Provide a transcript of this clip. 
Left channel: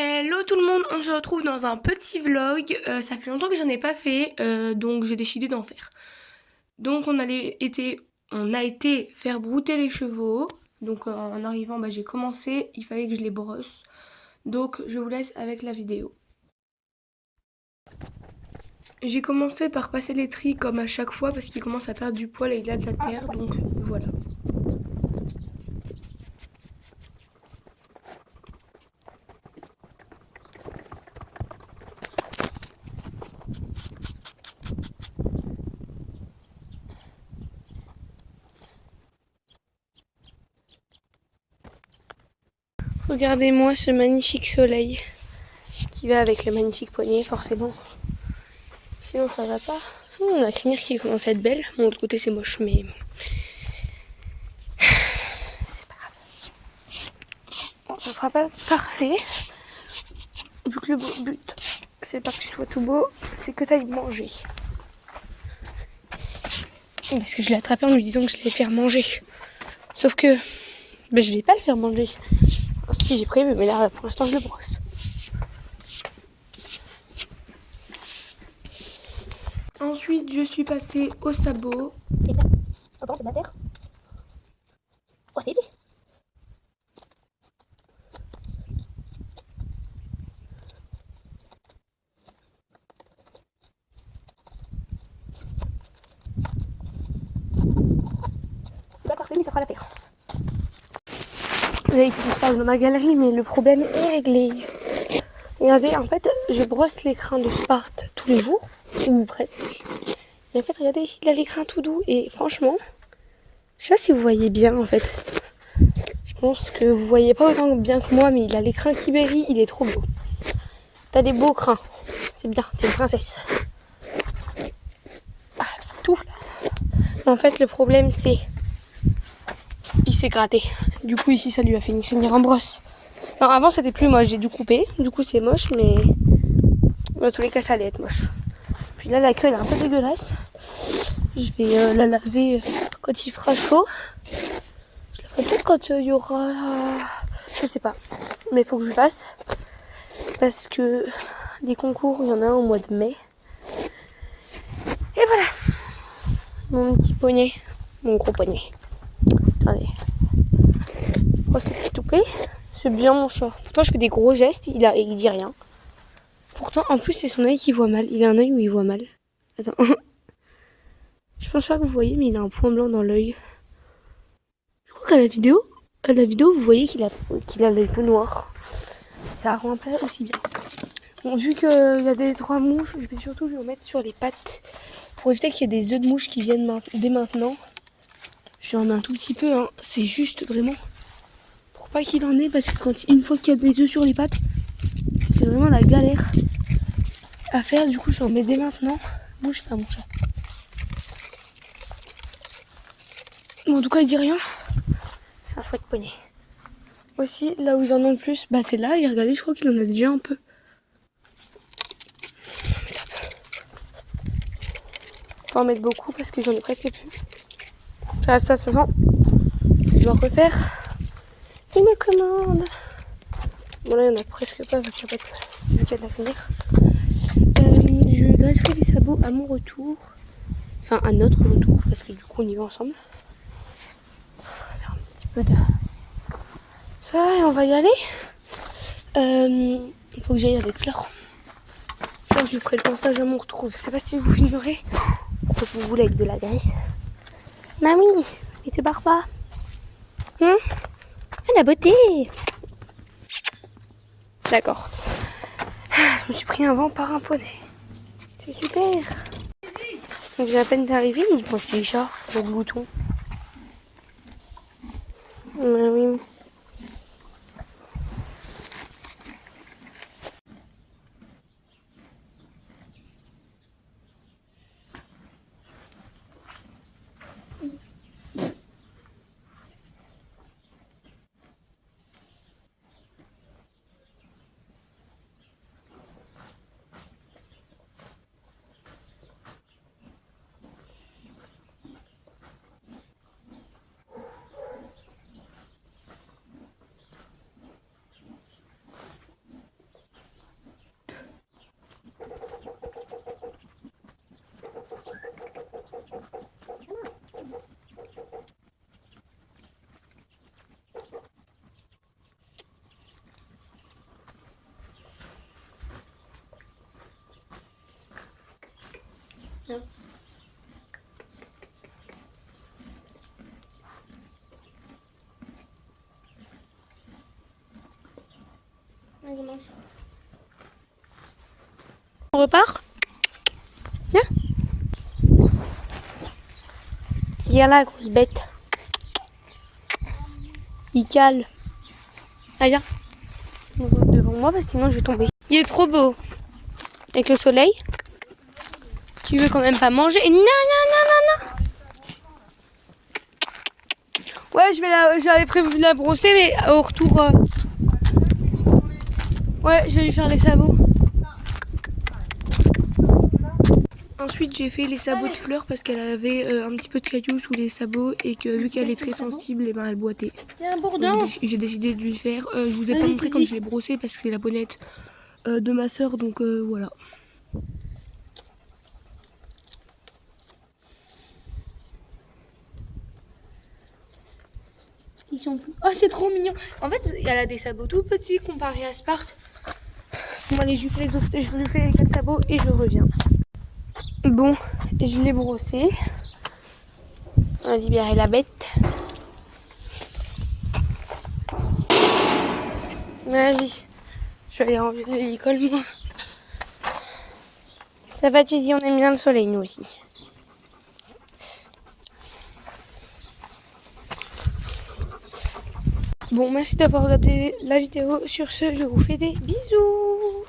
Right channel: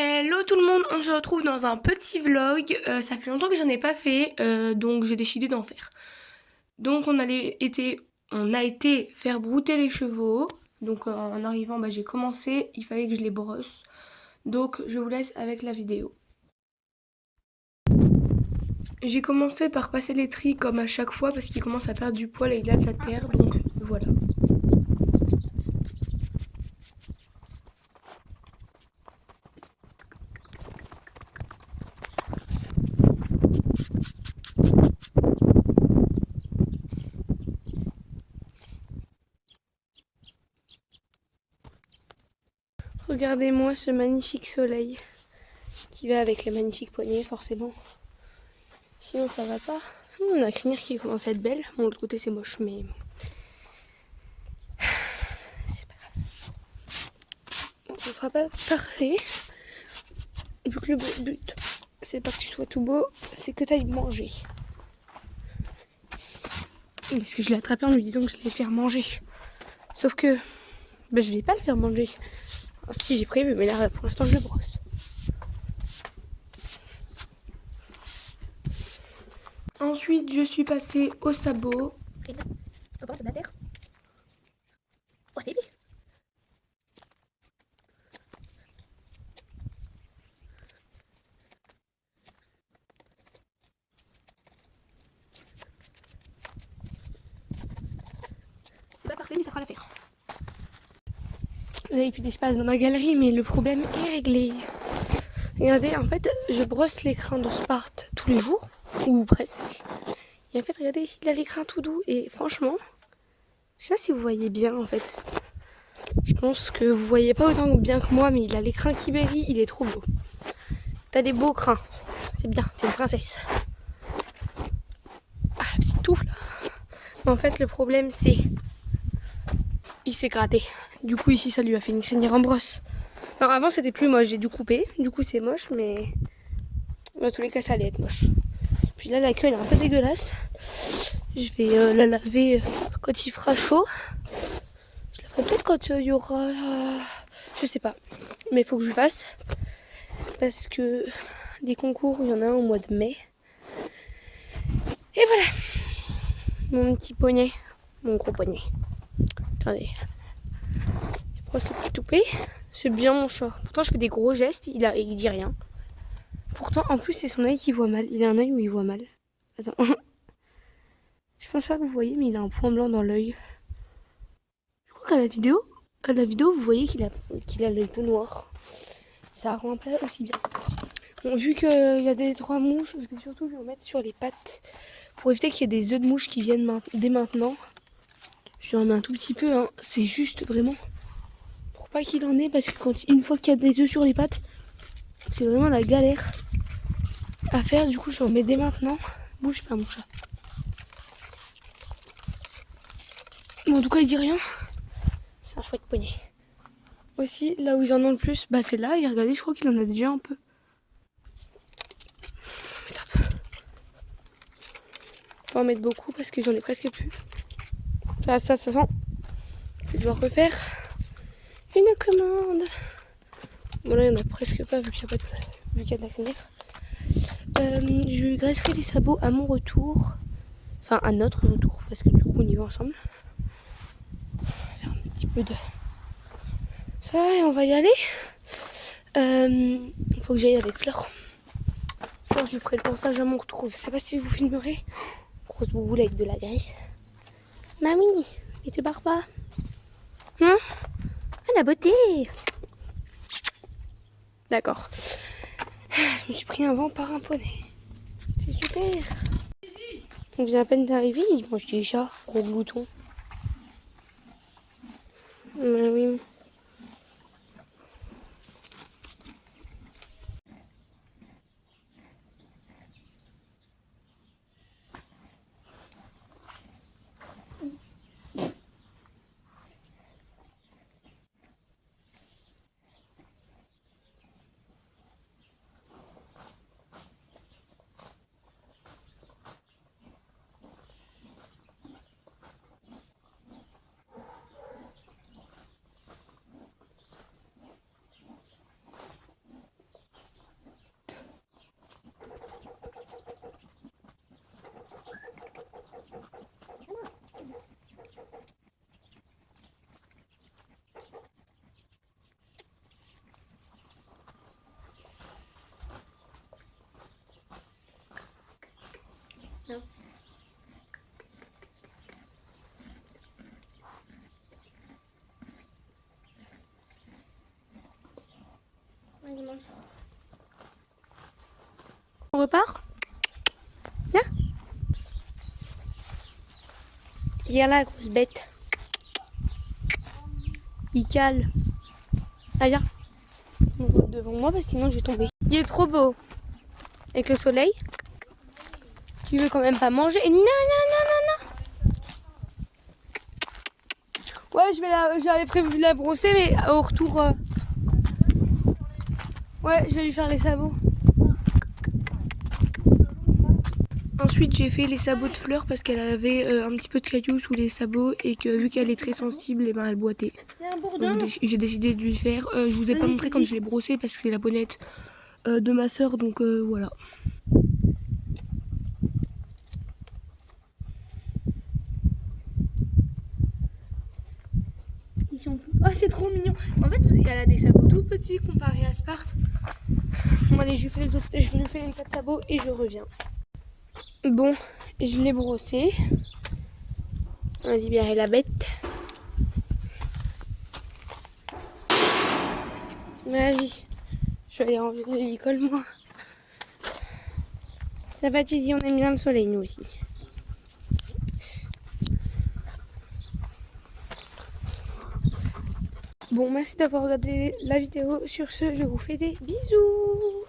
Hello tout le monde, on se retrouve dans un petit vlog. Ça fait longtemps que j'en ai pas fait, donc j'ai décidé d'en faire. Donc on a été faire brouter les chevaux. Donc en arrivant, j'ai commencé, il fallait que je les brosse. Donc je vous laisse avec la vidéo. J'ai commencé par passer les tris comme à chaque fois parce qu'il commence à perdre du poil et il a de la terre, donc voilà. Regardez-moi ce magnifique soleil qui va avec le magnifique poignet forcément. Sinon ça va pas. On a la crinière qui commence à être belle. Bon, de l'autre côté c'est moche mais c'est pas grave. Bon, ce sera pas parfait. Vu que le but c'est pas que tu sois tout beau, c'est que tu ailles manger. Parce que je l'ai attrapé en lui disant que je l'allais faire manger. Sauf que je vais pas le faire manger. Enfin, si j'ai prévu, mais là pour l'instant je le brosse. Ensuite je suis passée au sabot. C'est bien. On pense de la terre. Oh, c'est lui. C'est pas parfait, mais ça fera l'affaire. Là il faut que je passe dans ma galerie, mais le problème est réglé. Regardez, en fait je brosse l'écrin de Sparte tous les jours, ou presque. Et en fait regardez, il a l'écrin tout doux et franchement, je sais pas si vous voyez bien en fait. Je pense que vous voyez pas autant bien que moi, mais il a l'écrin qui berry, il est trop beau. T'as des beaux crins, c'est bien, t'es une princesse. Ah, la petite touffe là. En fait, le problème c'est, il s'est gratté. Du coup ici, ça lui a fait une crinière en brosse. Alors avant, c'était plus moche, j'ai dû couper. Du coup, c'est moche, mais dans tous les cas, ça allait être moche. Puis là, la queue elle est un peu dégueulasse. Je vais la laver quand il fera chaud. Je la ferai peut-être quand il y aura, je sais pas, mais il faut que je le fasse. Parce que des concours, il y en a un au mois de mai. Et voilà, mon petit poignet, mon gros poignet. Attendez, je brosse le petit toupet. C'est bien mon chat. Pourtant, je fais des gros gestes, il dit rien. Pourtant, en plus, c'est son œil qui voit mal. Il a un œil où il voit mal. Attends. Je pense pas que vous voyez, mais il a un point blanc dans l'œil. Je crois qu'à la vidéo, vous voyez qu'il a l'œil peu noir. Ça rend pas aussi bien. Bon, vu qu'il y a des 3 mouches, je vais surtout lui remettre sur les pattes pour éviter qu'il y ait des œufs de mouche qui viennent dès maintenant. J'en mets un tout petit peu, hein. C'est juste vraiment pour pas qu'il en ait, parce que une fois qu'il y a des œufs sur les pattes, c'est vraiment la galère à faire. Du coup, je remets dès maintenant. Bouge pas, mon chat. Bon, en tout cas, il dit rien. C'est un chouette poignet. Aussi, là où ils en ont le plus, c'est là. Et regardez, je crois qu'il en a déjà un peu. Mais top. Je vais en mettre beaucoup parce que j'en ai presque plus. Ça va. Je vais en refaire une commande. Bon, là, il n'y en a presque pas vu qu'il y a de la crinière. Je graisserai les sabots à mon retour. Enfin, à notre retour, parce que du coup, on y va ensemble. On va faire un petit peu de ça et on va y aller. Il faut que j'aille avec Fleur. Fleur, je lui ferai le passage à mon retour. Je sais pas si je vous filmerai. Faut que vous voulez avec de la graisse. Mamie, il te barre pas. Hein? Ah, la beauté! D'accord. Je me suis pris un vent par un poney. C'est super. On vient à peine d'arriver, il pense déjà au bouton. Oui. On repart? Viens. Viens là, grosse bête. Il cale. Allez, viens. Devant moi, parce que sinon je vais tomber. Il est trop beau. Avec le soleil. Tu veux quand même pas manger? Non, non, non, non, non. Ouais, j'avais prévu de la brosser, mais au retour... Ouais, je vais lui faire les sabots. Ensuite, j'ai fait les sabots de fleurs parce qu'elle avait un petit peu de cailloux sous les sabots et que vu qu'elle est très sensible, et ben elle boitait. Donc j'ai décidé de lui faire. Je vous ai pas montré quand je l'ai brossé parce que c'est la bonnette de ma soeur, donc voilà. Ils sont plus... Oh, c'est trop mignon. En fait, elle a des sabots tout petits comparé à Sparte. Bon, allez, je lui fais les 4 sabots et je reviens. Bon, je l'ai brossé. On va libérer la bête. Vas-y. Je vais aller enlever l'école, moi. Ça va, Tizi, on aime bien le soleil, nous aussi. Bon, merci d'avoir regardé la vidéo. Sur ce, je vous fais des bisous.